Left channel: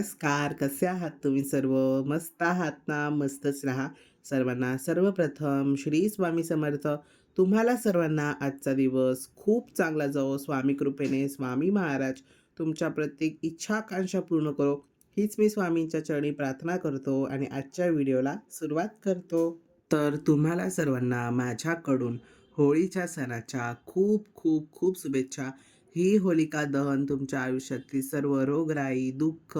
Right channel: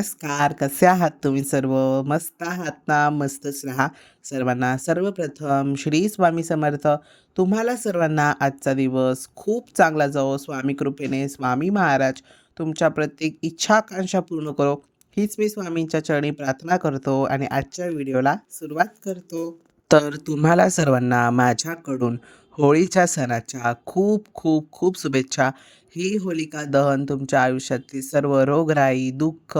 नमस्कार. कसे आहात तुम्ही सर्व? मस्त आहात ना? मस्तच राहा. सर्वांना सर्वप्रथम श्री स्वामी समर्थ. तुम्हाला सर्वांना आजचा दिवस खूप चांगला जावो. स्वामी कृपेने स्वामी महाराज तुमच्या प्रत्येक इच्छा, आकांक्षा पूर्ण करो. हीच मी स्वामींच्या चरणी प्रार्थना करतो आणि आजच्या व्हिडिओला सुरुवात करतो. तर तुम्हाला सर्वांना माझ्याकडून होळीच्या सणाच्या खूप खूप खूप शुभेच्छा. ही होलिका दहन तुमच्या आयुष्यातली सर्व रोगराई, दुःख,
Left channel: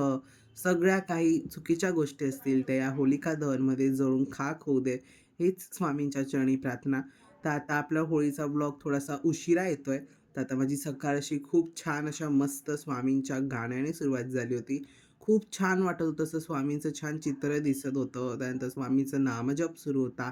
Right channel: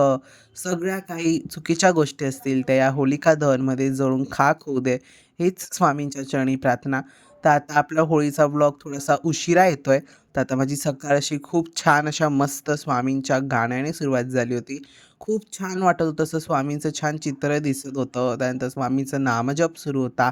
सगळ्या काही चुकीच्या गोष्टी असतील त्या या होलिका दहनमध्ये जळून खाक होऊ दे. हीच स्वामींच्या चरणी प्रार्थना. तर आता आपला होळीचा व्लॉग थोडासा उशिरा येतोय. तर आता माझी सकाळ अशी खूप छान अशा मस्त स्वामींच्या गाण्याने सुरुवात झाली होती. खूप छान वाटत होतं. असं स्वामींचं छान चित्र दिसत होतं. त्यानंतर स्वामींचं नामजप सुरू होता.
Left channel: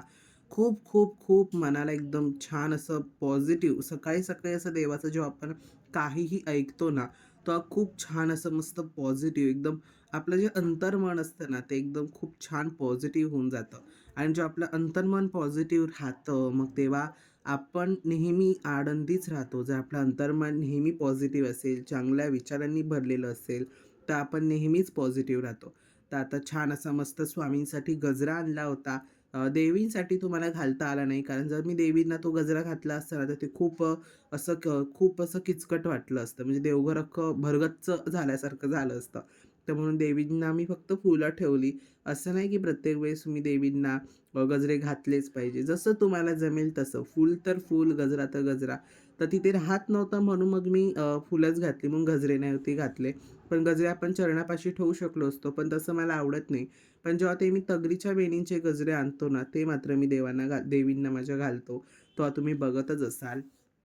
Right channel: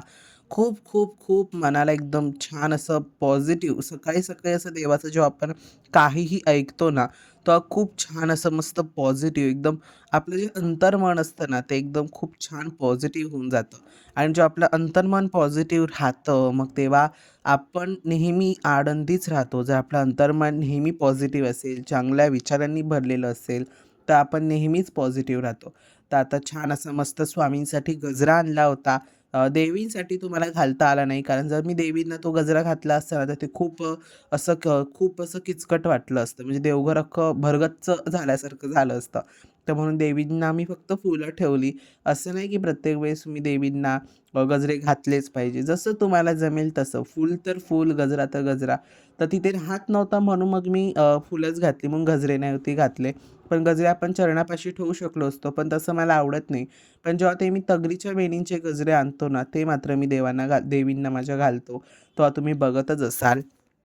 खूप, खूप, खूप मनाला एकदम छान असं पॉझिटिव्ह सकाळी-सकाळी असं देवाचं जेव्हा आपण काहीही ऐकतो ना, तो खूप छान असं मस्त पॉझिटिव्ह एकदम आपलं जे अंतर्मन असतं ना, ते एकदम खूप छान पॉझिटिव्ह होऊन जातं आणि जो आपलं अंतर्मन पॉझिटिव्ह राहतं, मग तेव्हा आपण नेहमी आनंदीच राहतो. जर आपलं अंतर्मन नेहमी पॉझिटिव्ह असेल, चांगल्या विचारांनी भरलेलं असेल, तर आपण नेहमीच पॉझिटिव्ह राहतो. तर आता छान असं मस्त स्वामींसाठी गजरा आणला होता. देवींसाठी तुम्हाला घालता आला नाही. कारण जर मी देवींना तो गजरा घातला असता ना, तर ते खूप असं क खूप असं किचकट वाटलं असतं. म्हणजे देवघर अख्खं भरगच्च झाल्यासारखं झालं असतं. तर म्हणून देवींना मी फक्त फुलं ठेवली. असं नाही की प्रत्येक वेळेस मी देवींना गजरे घातलेच पाहिजे. जसं तुम्हाला जमेल तसं. फूल तर फूल, गजरा तर गजरा. तर तिथे राहत नव्हता म्हणून मग मी फुलंच घातली. मग गजरे नव्हते घातले. पण गजरे आपण चरणापाशी ठेवू शकलो असतो. पण तसं मला आवडत नाही. पण जेव्हा ते मी तगरीच्या वेणींचे गजरे आणतो ना, ते मात्र मी देवांना घाल देवींना माझ्या घालतो. तेव्हा तुम्ही बघतच असाल.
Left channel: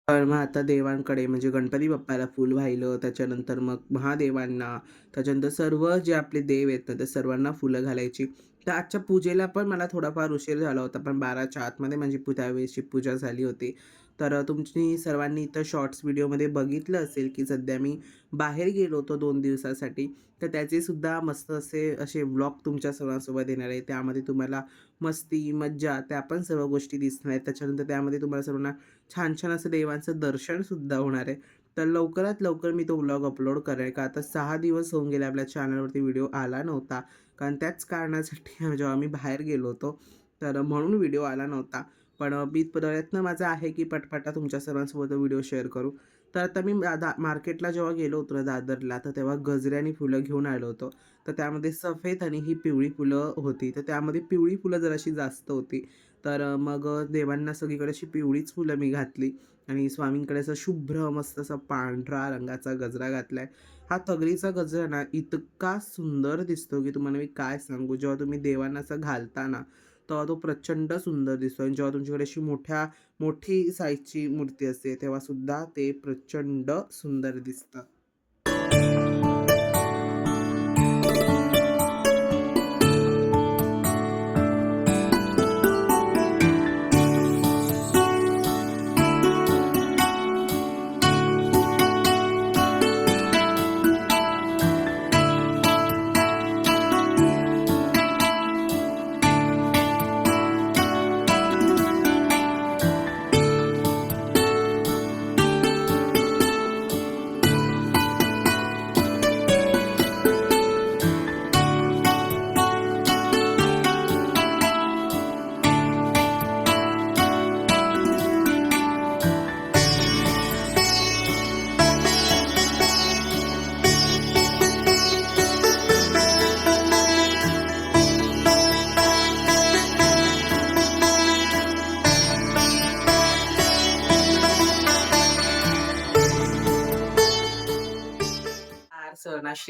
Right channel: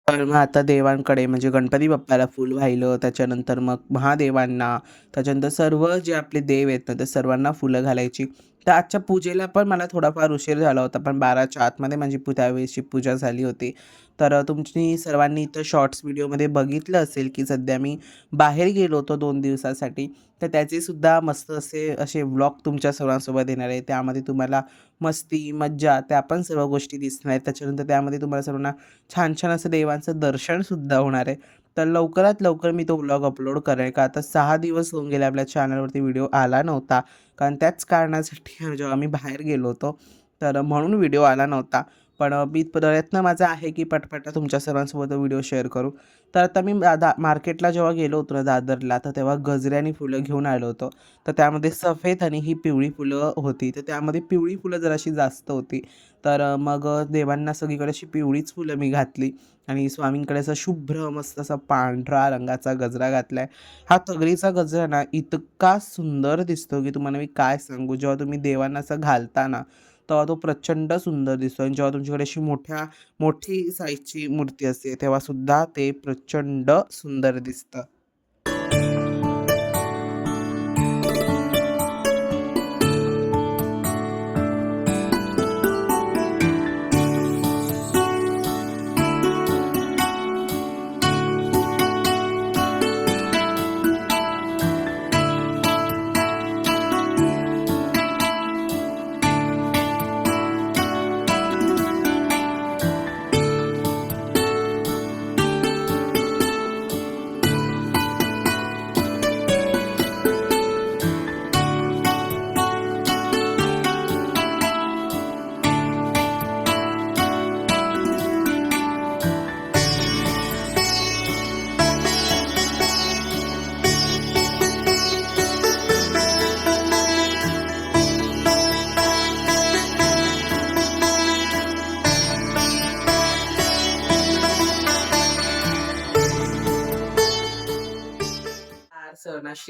तर मग आता देवांकडे म्हणजे गणपती बाप्पाला फूल वाहिलं, त्याच्यानंतर मग महादेवांना, त्याच्यानंतर सर्व जे आपले देव आहेत ना, त्या सर्वांना फुलं घालायची. तर आजच्या पूजेला पण मला थोडाफार उशीर झाला होता. पण 12च्या आतमध्ये माझी पू त्यावेळेसची पूजा झाली होती. तर तुमची सर्वांनी इथं शॉर्ट्स व्हिडिओमध्ये बघितलं असेल, की सध्या मी बाहेर गेलो होतो दोन दिवसासाठी. तर त्याचेसुद्धा मस्त असे असे व्लॉग तुमच्या सर्वांसोबत येणार आहे. त्यामध्ये तुम्हाला मस्ती, मज्जा त्या पण सर्व गोष्टी दिसणार आहेत. त्याच्यानंतर त्यामध्ये तुम्हाला सर्वांना छान-छान असं देवांचं दर्शनसुद्धा होणार आहे. तर लवकरात लवकर मी तो व्लॉग अपलोड करेल का आता सहा दिवस होऊन गेले आपल्या चॅनलवरती व्हिडिओ आला नव्हता. कारण त्याच कारणासाठी जेव्हा आम्ही बाहेर गेलो होतो, तर म्हणून व्हिडिओ आला नव्हता. पण मी प्रयत्न माझा आहे की पटपट तुमच्या सर्वांसोबत व्हिडिओ शेअर करू. तर आता मी दा मार्केटला जेव्हा गेलो होतो ना दादरला, तर तेव्हा गजऱ्याने फुलं घेऊन आलो होतो. तर त्यामध्ये सफेद आणि ही पिवळी फुलं होती. तर त्यामध्ये पिवळी फुलं जराशी जास्त होती. तर मग देवांना सगळीकडे अशी पिवळीच फुलं मी घातली आणि स्वामींकडे असा शुभ्र मस्त असा पांढरा रंगाचा गजरा घातला आहे हा तगरीचा गजरा ना इतका सुंदर दिसतो, की तुम्हाला मी काय सांगू. जेव्हा तुम्ही देवांना असं घालता ना, तेव्हा तो प्रचंड सुंदर दिसतो आणि जेव्हा तुमच्याकडे अशी मोठ्या मोठी साईजची मूर्ती असते, तेव्हासुद्धा ते प्रचंड सुंदर दिसतं.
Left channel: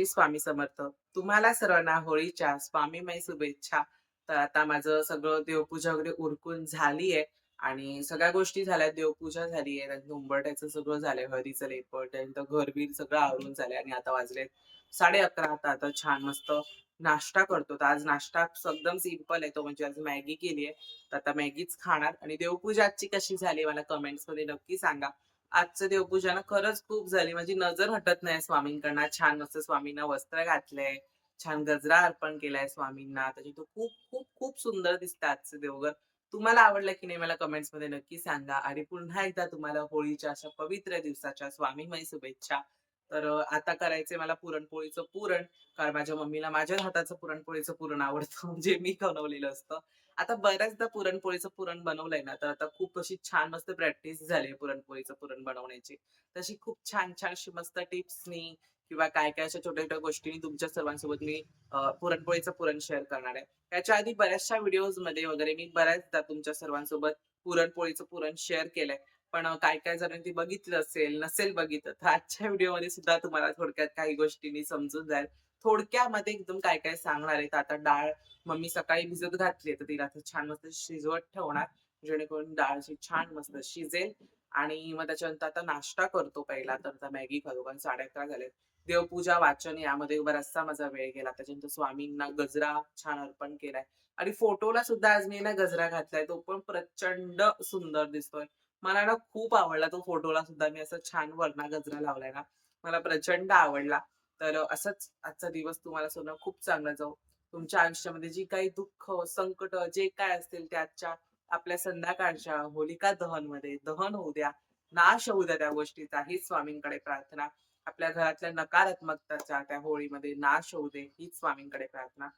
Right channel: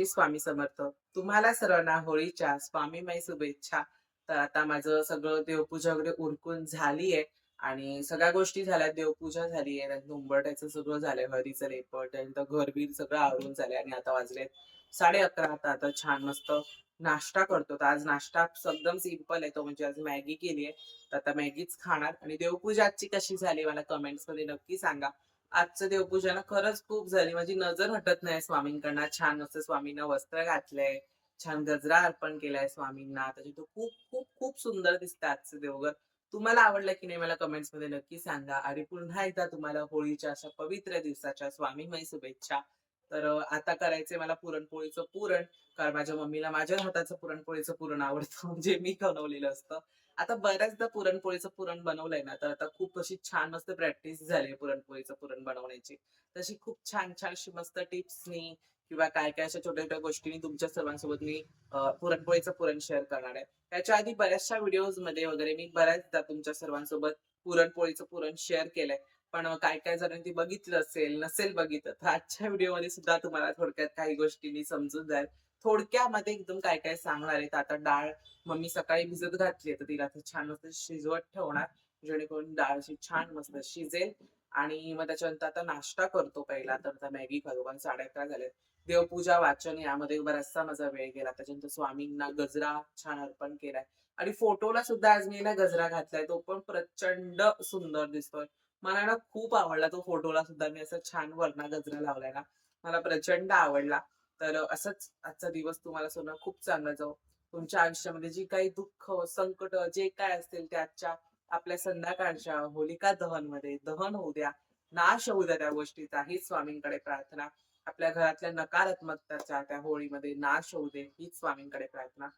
श्री स्वामी समर्थ. तुम्हाला सर्वांना होळीच्या स्वामीमय शुभेच्छा. तर आता माझं सगळं देवपूजा वगैरे उरकून झालीये आणि सगळ्या गोष्टी झाल्या. देवपूजा झाली आहे उंबरठ्याचं सगळं झालंय हळदीचं लेपट त्यानंतर घरबीर सगळं आवरून झालंय आणि आता वाजले साडे अकरा आता आता छान मस्त नाश्ता करतो. तर आज नाश्ता एकदम सिंपल आहे. तो म्हणजे आज मॅगी केली आहे तर आता मॅगीच खाणार आणि देवपूजा आजची कशी झाली मला कमेंट्समध्ये नक्की सांगा. आजचं देवपूजा ना खरंच खूप झाली. माझी नजर हटत नाही स्वामींकडनं. छान मस्त स्वामींना वस्त्र घातलंय, छान गजरा अर्पण केलाय स्वामींना. त्याच्यात खूप, खूप, खूप सुंदर दिसतं आजचं देवघर. तुम्हाला आवडलं की नाही मला कमेंट्समध्ये नक्की सांगा. आणि पुन्हा एकदा तुम्हाला होळीच्या अशा पवित्र दिवसाच्या स्वामीमय शुभेच्छा. तर आता करायचंय मला पुरणपोळीचं पुरण. कारण माझ्या मम्मीला माझ्या हाताचं पुरणपोळीचं पुरण आवडतं जे म्हणजे मी बनवलेलं असतं. आता बऱ्याचदा पुरणपोळीचं पुरण बनवलंय ना, तर आता खूप अशी छान मस्त प्रॅक्टिस झाली पुरणपोळीचं पुरण बनवण्याची. तशी खूप छान-छान अशी मस्त टिप्सनी किंवा काय-काय अशा छोट्या-छोट्या गोष्टींनी तुमच्या सर्वांसोबत मी पुरणपोळीचं पुरण शेअर करणार आहे. त्याच्या आधी बऱ्याचशा व्हिडिओजमध्ये वगैरे मी बऱ्याचदा तुमच्या सर्वांसोबत पुरणपोळीचं पुरण शेअर केलंय. पण काय काय जणांनी बघितलं असेल, नसेल बघितलं, तर आजच्या व्हिडिओमध्ये सुद्धा तुम्हाला थोडक्यात काही गोष्टींनी समजून जाईल. थोडक्यामध्ये एकदम काय-काय सांगणार आहे. तर आता डाळ मम्मी सकाळी भिजत घातली तर तिला छान मस्त शिजवत ठेवणार. जेणेकरून डाळ छान मस्त शिजेल आणि मग त्याच्यानंतर आता नाश्ता करतो पहिला, तर मॅगी खातो कारण 11:30 झालेत. देवपूजा, वाचन यामध्ये बराचसा माझा वेळ गेला. त्याच्यानंतर स्वामींना गजरा छान अर्पण केलाय आणि फोटोला सुद्धा आज मी ना गजरा घातलाय. तो पण प्रचंड सुंदर दिसतोय. मला ना खूप आवडला तो फोटोला सुद्धा मी असं छान वरना गजरा लावलाय ना, मला प्रचंड आवडला. तर असंच आजचा दिवस तुम्हाला सोनं खूप चांगला जाऊ तुमच्या आयुष्यामध्ये जी काही दुःख, संकट जे काय असतील ते आजच्या आपल्या संध्याकाळच्या होलिका दहनमध्ये दहन होऊ द्या. नाश होऊ द्या त्या गोष्टीचा हीच स्वामींकडे प्रार्थना. आपल्या घरातल्या नकारात्मकताच्या त्या होळीमध्ये नाश होऊ दे हीच स्वामींकडे प्रार्थना.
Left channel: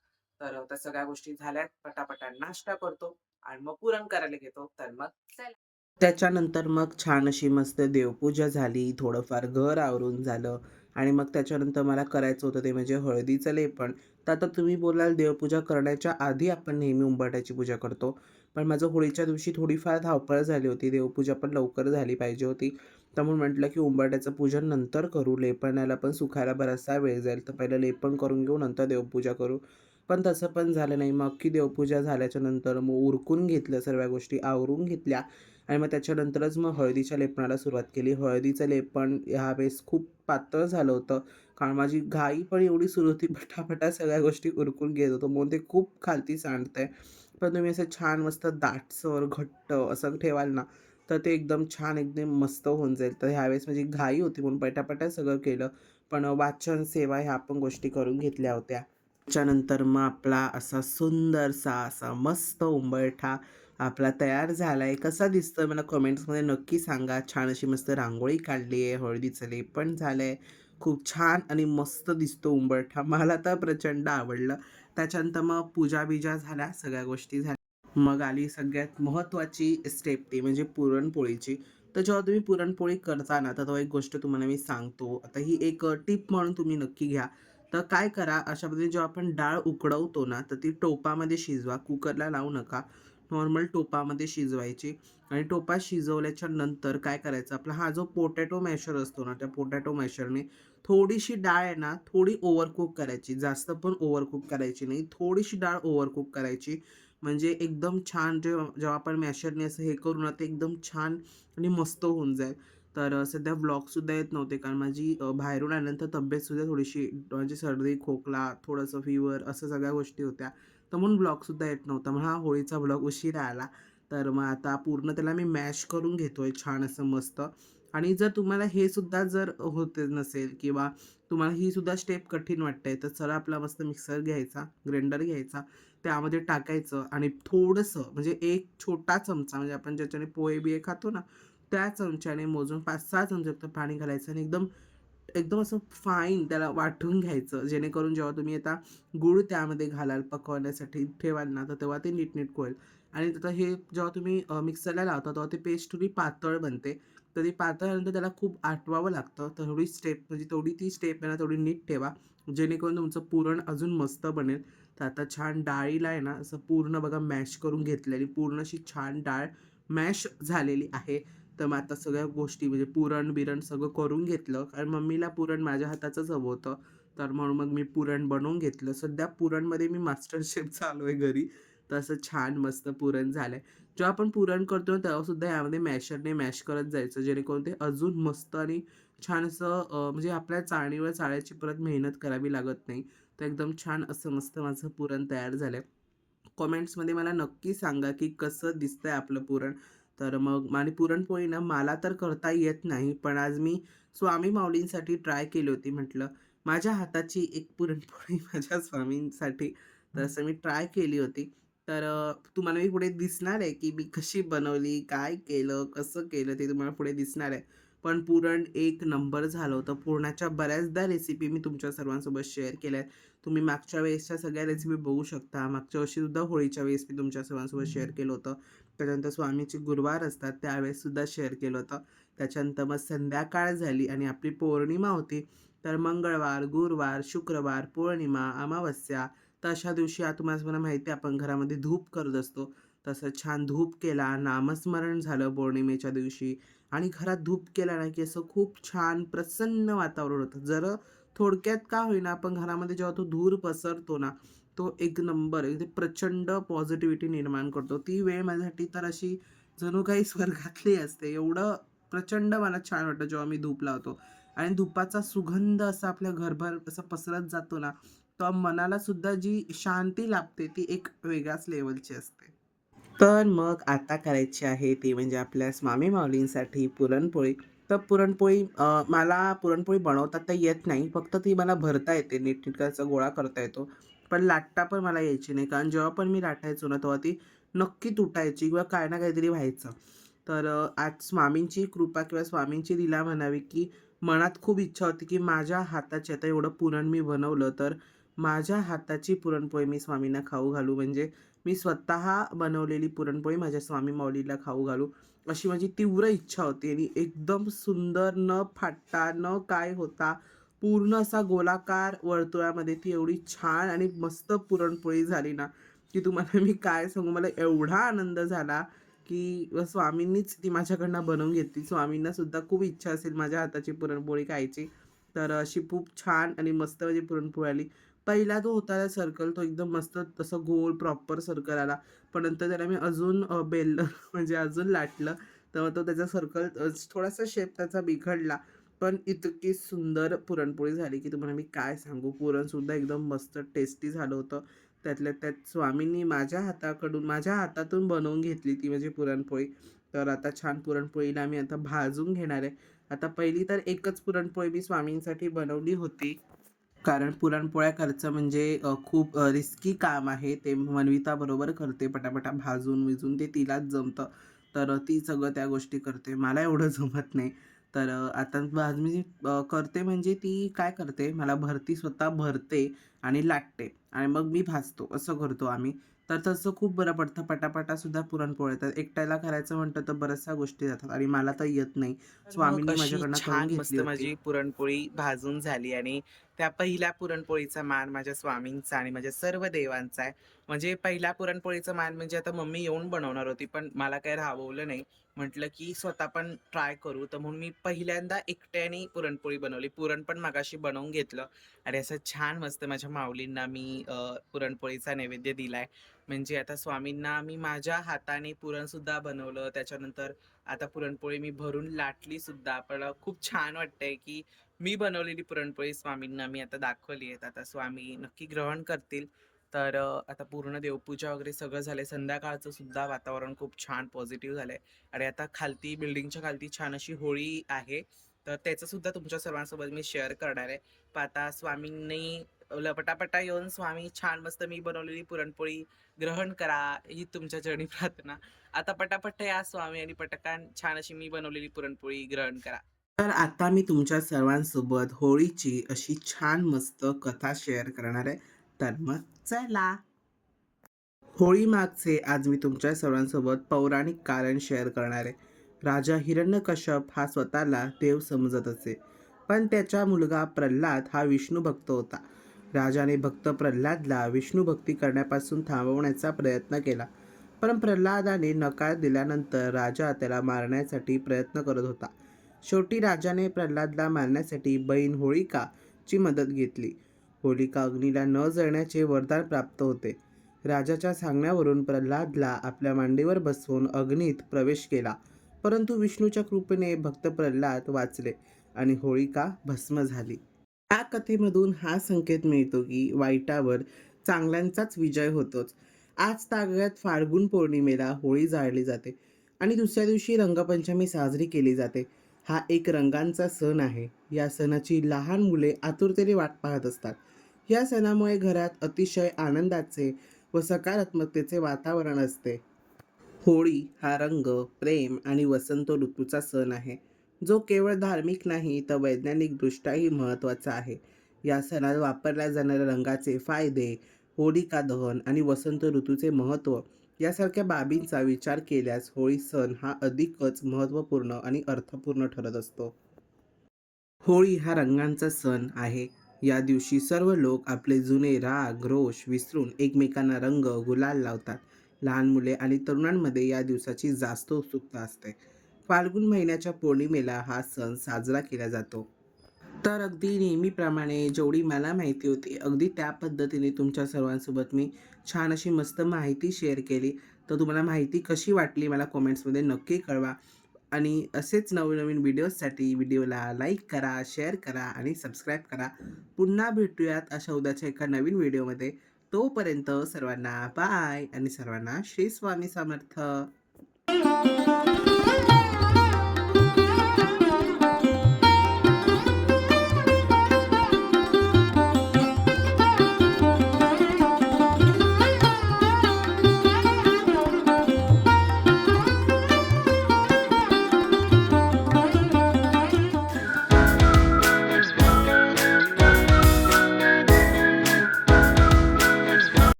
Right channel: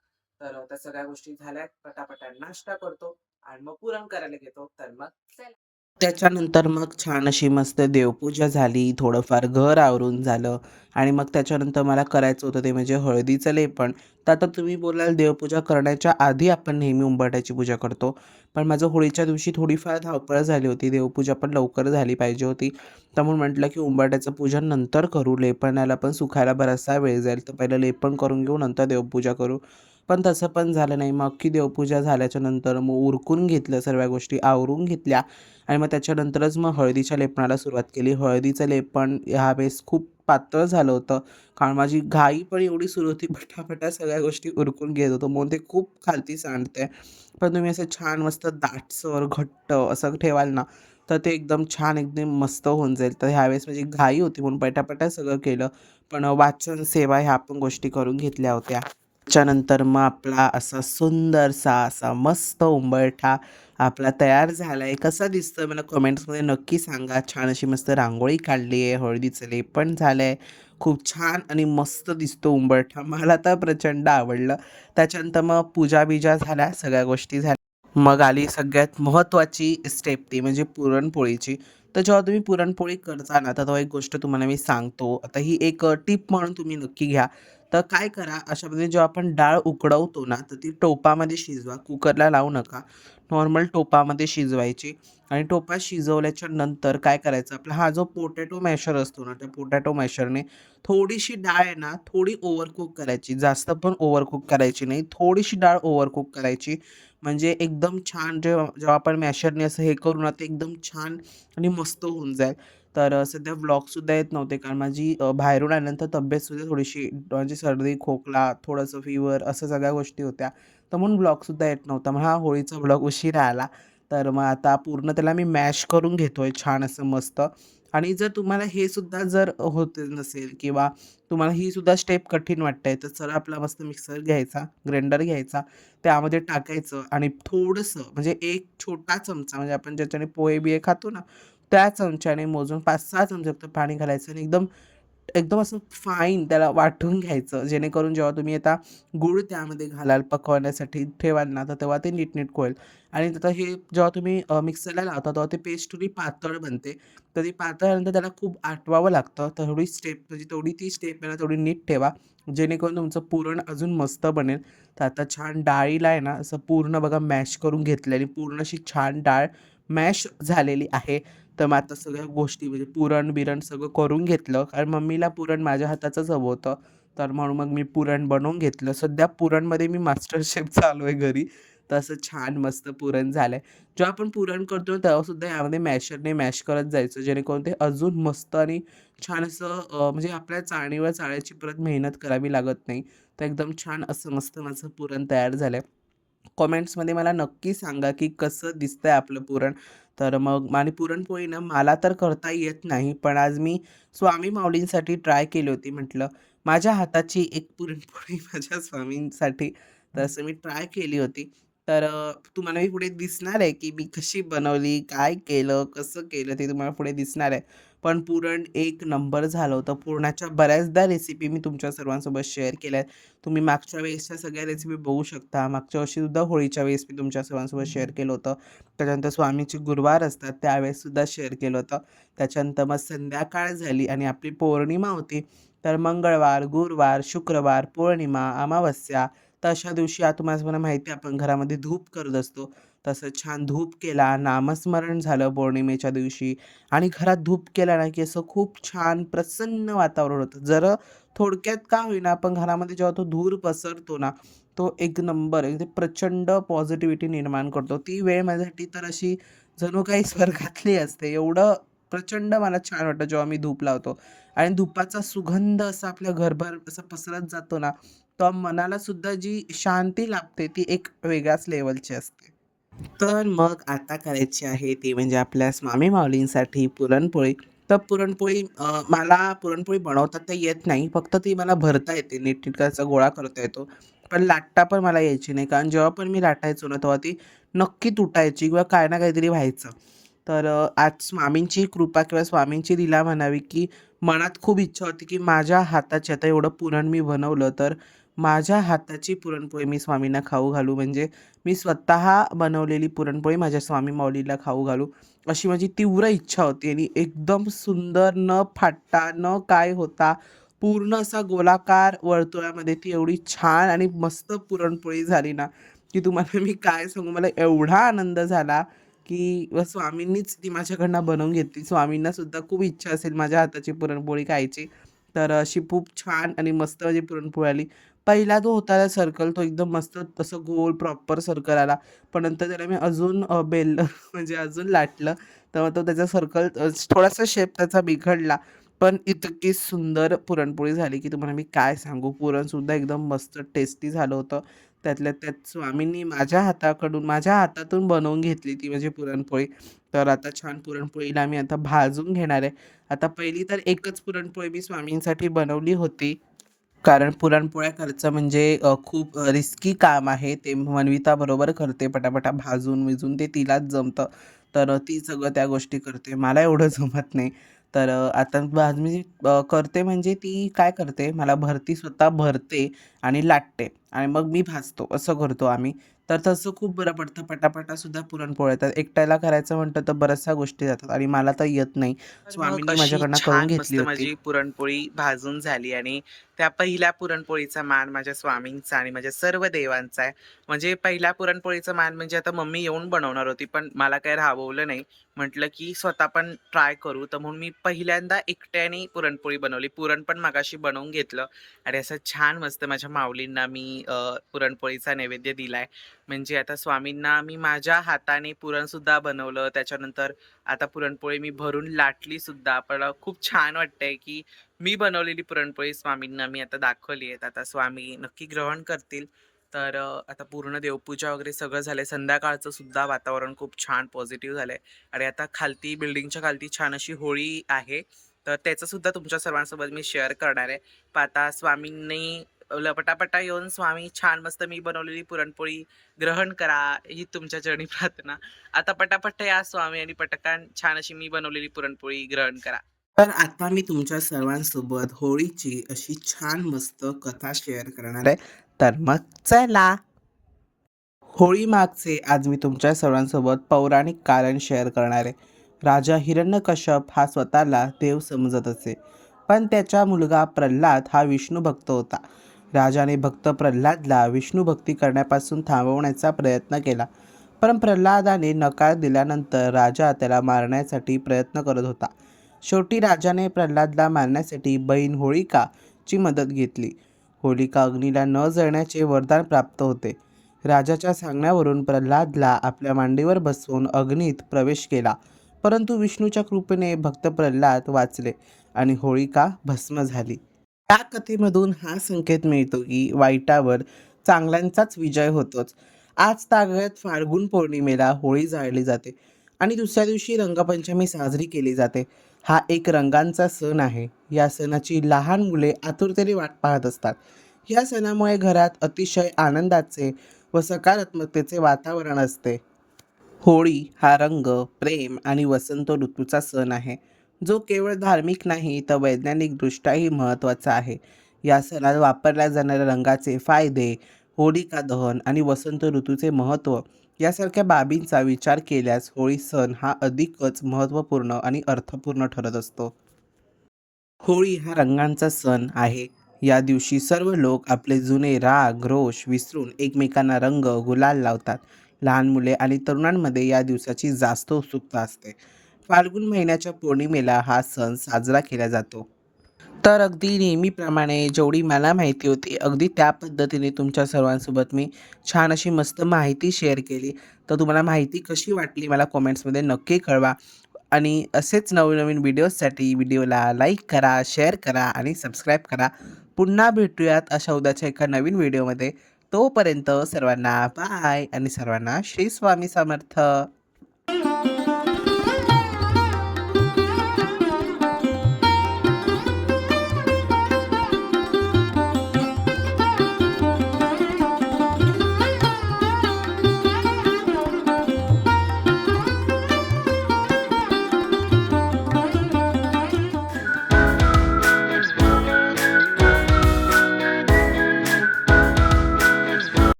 तर त्या सगळ्या गोष्टी झाल्यात. पटापटा नाश्ता करतो आणि मग पुरण करायला घेतो. तर मग चला. त्याच्यानंतर मग छान अशी मस्त देवपूजा झाली, थोडंफार घर आवरून झालं आणि मग त्याच्यानंतर मला करायचं होतं ते म्हणजे हळदीचं लेपण तर आता तुम्ही बोलाल देवपूजा करण्याच्या आधी आपण नेहमी उंबरट्याची पूजा करतो. पण माझं होळीच्या दिवशी थोडीफार धावपळ झाली होती. देवपूजा पण लवकर झाली पाहिजे होती. त्यामुळे म्हटलं की उंबाट्याचं पूजन नंतर करू. लेपणाला पण सुखायला बराचसा वेळ जाईल. तर पहिलं लेपण करून घेऊ, नंतर देवपूजा करू. पण तसं पण झालं नाही. मग की देवपूजा झाल्याच्यानंतर मग उरकून घेतलं, सर्व गोष्टी आवरून घेतल्या आणि मग त्याच्यानंतरच मग हळदीच्या लेपणाला सुरुवात केली. हळदीचं लेपण ह्यावेळेस खूप पातळ झालं होतं. कारण माझी घाई पण एवढी सुरू होती, पटापटा सगळ्या गोष्टी उरकून घेत होतो. म्हणून ते खूप खालती सांडते पण तुम्ही असं छान मस्त दाटसर, घट्ट असं ठेवाल ना, तर ते एकदम छान, एकदम मस्त होऊन जाईल. तर ह्यावेळेस माझी घाई होती म्हणून पटापटा सगळं केलं. पण वाचन, सेवा ह्या पण गोष्टी करून घेतल्या होत्या. त्याच्यानंतर मग आपला असा सुंदरसा असा मस्त उंबरठा आपला तयार झाला आहे कसा आहे मला कमेंट्समध्ये नक्की सांगा. छान अशी मस्त रांगोळी काढली आहे, हळदीचं लेपण झालं आहे खूप छान आणि मस्त दिसतो उंबरठा. मला तर प्रचंड आवडलं. त्याच्यानंतर मग पूजा-बिजा झाल्या, सगळ्या गोष्टी झाल्या. मग आली सगळ्यात महत्त्वाची स्टेप ती म्हणजे पुरणपोळीची. तर जेव्हा तुम्ही पुरणपोळी करता ना, तर तो एक गोष्ट तुम्हाला मी सांगतो. आता ही एक टिप म्हणून तुम्ही नक्की घ्या. तर काय करा, अशामध्ये जेव्हा आपण डाळ उकडवतो ना, तर ती टोपामध्ये शिजवा. कुकरला लावू नका. नॉर्मल टोपामध्ये शिजवायची आणि टोपा शिजवल्याच्या नंतर काय करायचं, आपला हा जो पोटॅटो मॅशर असतो ना, त्या पोटॅटो मॅशरने थोडीशी डाळ आहे ना, थोडी ओव्हरकुक करायची. जास्त पण ओव्हरकुक करायची नाही. थोडीशी डाळ ओव्हरकुक करायची. म्हणजे एकदम छान जेव्हा जेव्हा आपण मॅशरने असं हे करू ना, ते एकदम छान आणि मस्त होऊन जाईल. तर सध्या व्लॉगसुद्धा येत नव्हते कारण माझी बाहेरून आल्यानंतर तब्येतसुद्धा थोडीशी म्हणजे सर्दी, खोकला, थोडंसं फिवर असं सगळ्या गोष्टी होत्या. तर म्हणून ब्लॉगसुद्धा येत नव्हता. मग हा होळीचा ब्लॉग उशिरा आला. तर मग आता पूर्ण त्याला मी मॅश करून घेतोय छान असं मस्त. आणि जर तुम्हाला हे सुद्धा जर होत नसेल किंवा तुम्हाला ही सुद्धा स्टेप कठीण वाटते, तर चला आपला मस्त मिक्सर घ्यायचा, ग्राइंडर घ्यायचा, त्यामध्ये टाकायचं आणि थोडंसं म्हणजे एक छोटा चमचा म्हणजे आपण ज्याच्याने पोहे-बिहे खातो ना, त्या चमच्याने मोजून 5-6 चमचे पाणी घालायचं आणि एकदम एकदम असं फाईन त्याला वाटून घ्यायचं. जेणेकरून जेव्हा तुम्ही आता गूळ त्यामध्ये घालाल पकवण्यासाठी ठेवाल ना, तर तेव्हा ते नीटनीट होईल. आणि आता हे जेव्हा तुम्ही मिक्सरला लावता, तेव्हा ते पेस्ट थोडी पातळ बनते. तर ती पातळल्यानंतर त्याला खूप आटवावं लागतं. तेवढी थोडी स्टेप म्हणजे तेवढी ती स्टेप आहे ना, तेवढी नीट ठेवा. जेणेकरून तुमचं पुरण अजून मस्त बनेल. तर आता छान डाळीला आहे ना, असं पूर्ण बघा मॅश करून घेतलं आणि पूर्ण अशी छान डाळ मॅश झालेली आहे. तर मग आता सगळ्या गोष्टी म्हणजे पुरण-बिरण सगळं करून घेतलं. कारण मम्मीला पुरण माझ्या हाताचंच हवं होतं. तर म्हणून मग मी पुरण बनवून घेतलं. सध्या पुरणमध्ये मी मास्टर शेफ चालू आहे घरी. तर असं छान मस्त पुरण झालं आहे जेव्हा आपण पुरण करतो तेव्हासुद्धा यामध्ये मॅशरने मॅश करत जायचं. जेणेकरून ते अजून मस्त आणि छान असं म्हणजे आपल्या चाळणीवर चाळायची परत मेहनत करावी लागत नाही. तर एकदम छान असं मस्त माझं पुरण तयार झालं आहे कमेंट्समध्ये मला नक्की सांगा, की कसं दिसतंय आपलं पुरण. तर मग आणि पुरणपोळी ना मला तर करता येत नाही. पण आज मी स्वामी माऊलींसाठी ट्राय केली होती. म्हटलं माझ्या हाताची एक पुरणपोळी माझ्या स्वामींसाठी. तर असं मी ट्राय केली होती. तर तुम्हाला मी पुढे दिसणार आहे, की मी कशी बनवली, काय केलं, कसं केलं ते तुम्हाला पुढे दिसणार आहे. पण पुरण एक नंबर झालं होतं. पुरणाच्या बऱ्याचदा रेसिपी मी तुमच्या सर्वांसोबत शेअर केल्या आहेत. तुम्ही मागच्या वेळेसच्या सगळ्या रेसिपी बघू शकता. मागच्या वर्षीसुद्धा होळीच्या वेळेस मी तुमच्या सर्वांसोबत शेअर केलं होतं. त्याच्यानंतर स्वामीचे गुरुवार असतात त्यावेळेससुद्धा शेअर केलं होतं. त्याच्यानंतर मग संध्याकाळ झाली आणि आपली पौर्णिमा होती. तर मंगळवार, गुरुवार, शुक्रवार, पौर्णिमा, अमावस्या तर अशा दिवशी आता तुम्हाला माहिती आहे आपण घरामध्ये धूप करत असतो. तसं छान धूप केला, नामस्मरण झालं पौर्णिमेच्या दिवशी आणि घरात धूप केला ना, की असं खूप छान प्रसन्न वातावरण होतं. जरा थोडक्यात का होईना पण घरामध्ये जेव्हा तो धूर पसरतो ना, तो एक नंबर एकदम प्रचंड पॉझिटिव्हिटी निर्माण करतो. ती वेळ माझ्यासाठी तर अशी जणू काही स्वर्गातली असते. एवढं प्रचंड मला छान वाटतं जेव्हा मी धूप लावतो आणि धुपाचा सुगंध असा आपल्या घरभर असा पसरत जातो ना, तर मनाला सुद्धा जी शांती लाभते ती एक वेगळ्याच लेवलची असते. तर मग आता करायची आहे ती म्हणजे आपल्या स्वामी माऊलींसाठी पुरणपोळी. तर पुरणपोळी मला पुरणपोळी बनवता तर येत नाही. फक्त ती मला भरता येते. नीटनीटकाचा गोळा करता येतो. पण लाटता पण मला यायची नाही. कारण जेव्हा पण मी लाटायचो ना, तेव्हा ती नक्की तुटायची किंवा काही ना काहीतरी व्हायचं. तर आज स्वामींची कृपा किंवा स्वामींची लीला म्हणावी, की मनात खूप इच्छा होती, की माझ्या हाताची आता एवढं पुरण मी बनवलं, तर माझ्या हाताची पुरणपोळी मी स्वामींना खाऊ घालू. म्हणजे मी स्वतः बनवलेली पुरणपोळी माझ्या स्वामी माऊलीला खाऊ घालू, अशी माझी तीव्र इच्छा होती आणि एकदम सुंदर न फाटता, न काय होता, पूर्ण असा गोलाकार वर्तुळामध्ये ती एवढी छान आणि मस्त पुरणपोळी झाली ना, की तुम्हाला मी काय सांगू. मला एवढा आनंद झाला, की स्वामींनीच ती माझ्याकडनं बनवून घेतली. स्वामींना सुद्धा खूप इच्छा असेल माझ्या हाताची पुरणपोळी खायची. तर अशी खूप छान आणि मस्त माझी पुरणपोळी आली. पहिला जो होता ना सर्कल तो एकदम मस्त तसं गोल प्रॉपर सर्कल आला. पण नंतर त्याला मी अजून बेललं म्हणजे अजून लाटलं. तेव्हा तो त्याचा सर्कल थोडासा शेप त्याचा बिघडला. पण इतकी सुंदर पुरणपोळी झाली, की तुम्हाला मी काय सांगू. पुरणसुद्धा एकदम मस्त टेस्टी झालं होतं. त्यातल्या त्यात स्वामींनी माझ्या हाताकडून माझ्या हातातून बनवून घेतली ती म्हणजे पुरणपोळी. तर आता छान पुरणपोळीला मी आता भाजून घेणार आहे. आता पहिली तर एकच पुरणपोळी मी स्वामींसाठी बनवली होती. कारण पुरणपोळ्या करचं म्हणजे खूप रिस्की काम आहे. ते मनविताबरोबर करते पटापटा भाजून विजून ते तिलाच जमतं. तर ती सगळं त्या गोष्टी करते. मला एवढं जमत नाही. तर आता भाजमी करते म्हणजे ती काय करते, मला भरती स्वतः भरते आणि लाटते आणि मग मी भाजतो असं करतो आम्ही. तर तसं खूप बरं पडतं. पटापटासुद्धा पुरणपोळ्या येतात. एकट्याला करायचं म्हटलं तर बऱ्याचशा गोष्टी जातात आणि मला तर येत नाही. तर मग स्वामींनी अशी माझ्याकडनं करून छान घेतली मस्त होती. माझी पुरणपोळी भाजून झाली आणि त्या पहिल्या पुरणपोळीचा मान माझ्या स्वामींचा आणि माझ्या सर्व देवांचा आहे. म्हणजे पहिल्या पुरणपोळीचा मान म्हणजे आता मम्मी येऊन बनवणार होती, पण मला काही राहवलं नाही. म्हटलं की स्वतः पण ट्राय करू. तर म्हणून मी पहिल्यांदा एकट्याने पुरणपोळी बनवली. पुरण पण मगाशी बनवून घेतलं आणि असं छान मस्त माझ्या माऊलींना मी अ, पुरणपोळीचा नैवेद्य दिलाय. म्हणजे आता स्वामींना मी माझ्या हाताने पुरणसुद्धा बनवलं. त्याच्यानंतर आता पुरणपोळी मी भरून लाटली सुद्धा. पण खूप छान वाटतंय, की मी बनवलेली पुरणपोळी स्वामींना मी आता दाखवली आहेत आता स्वामी नक्की ग्रहण करतील. तर आता पूर्ण देवपूजा वगैरे सगळं झालं संध्याकाळचं सुद्धा वातावरण खूप छान पॉझिटिव्ह झालंय आणि आता खालती बिल्डिंगच्या खालती छान अशी होळी आहे. तर त्याचं सुद्धा तुमच्या सर्वांसोबत मी शेअर करणार आहे. पण आता स्वामींनी ल येऊन स्वामी छान मस्त मी बनवलेली पुरणपोळी ग्रहण करा, ही तुमच्या चरणी प्रार्थना. आता पटापट या स्वामी आणि पटकान छान अशी मी बनवलेली पुरणपोळी ग्रहण करा. तर आता मी तुमच्या सर्वांसोबत होळीची अशी छान मस्त कथा शेअर करणार आहे. तर मग चला. होळी मागचे आज मी तुमच्या सर्वांसोबत पौराणिक कारण शेअर करणार आहे. राजा हिरण्यकश्यप हा स्वतःला देव समजत असे. पण त्याचा मुलगा प्रल्हाद हा विष्णू भक्त होता. राजाने भक्त प्रल्हादला विष्णू भक्ती करण्यापासून थांबवण्याचा प्रयत्न केला. पण प्रल्हादाने नकार दिल्यानंतर राजा त्याला मारण्यासाठी प्रयत्न करत होता. शेवटी राजाने प्रल्हादला मारण्यासाठी बहीण होलिकाची मदत घेतली. होलिका अग्नीला न जळण्याचे वरदान प्राप्त होते. राजाच्या सांगण्यावरून प्रल्हादला आपल्या मांडीवर बसवून अग्नीत प्रवेश केला. परंतु विष्णूच्या कृपेने भक्त प्रल्हाद वाचले आणि होळिका भस्म झाली. या कथेमधून हा संकेत मिळतो की वाईटावर चांगल्यांचाच विजय होतोच. आज तागत फाल्गुन पौर्णिमेला होळी जाळली जाते आणि दुसऱ्या दिवशी रंगपंचमी साजरी केली जाते. हा एक रंगांचा सण आहे. या सणाची लहान मुले आतुरतेने वाट पाहत असतात. या सणामुळे घरात अतिशय आनंदाचे व सकारात्मकतेचे वातावरण असते. होळी हा रंग, प्रेम आणि वसंत ऋतूचा सण आहे. जो केवळ धार्मिक नाही तर वैज्ञानिकदृष्ट्याही महत्त्वाचा आहे. या सणात वापरल्या जाणाऱ्या रंगाचे फायदे होलिका दहन आणि वसंत ऋतूचे महत्त्व यासारख्या बाबींचा विचार केल्यास होळी सण हा अधिकच महत्त्वपूर्ण आणि अर्थपूर्ण ठरत असतो. होळी हा रंगांचा सण आहे. या दिवशी सर्व लोक आपले जुने राग रोष विसरून एकमेकांना रंग गुलाल लावतात. लहान मुले आणि तरुणांमध्ये या दिवसाची जास्त उत्सुकता असते. फाल्गुन महिन्याच्या पौर्णिमेला हा सण साजरा केला जातो. तर अगदी नेहमीप्रमाणे जेवढी मला माहिती होती अगदी त्या पद्धतीने तुमच्या सर्वांसोबत मी छान अशी मस्त माहिती शेअर केली. तर तुम्हाला माहिती कशी वाटली मला कॉमेंट्समध्ये नक्की कळवा. आणि असेच नवीन नवीन व्हिडिओजसाठी व्हिडिओला लाईक करा शेअर करा आणि सबस्क्राईब करा. पुन्हा भेटूयात अशा उद्याच्या एका नवीन व्हिडिओमध्ये. तोपर्यंत सर्वांना बाय आणि सर्वांना श्री स्वामी समर्थ.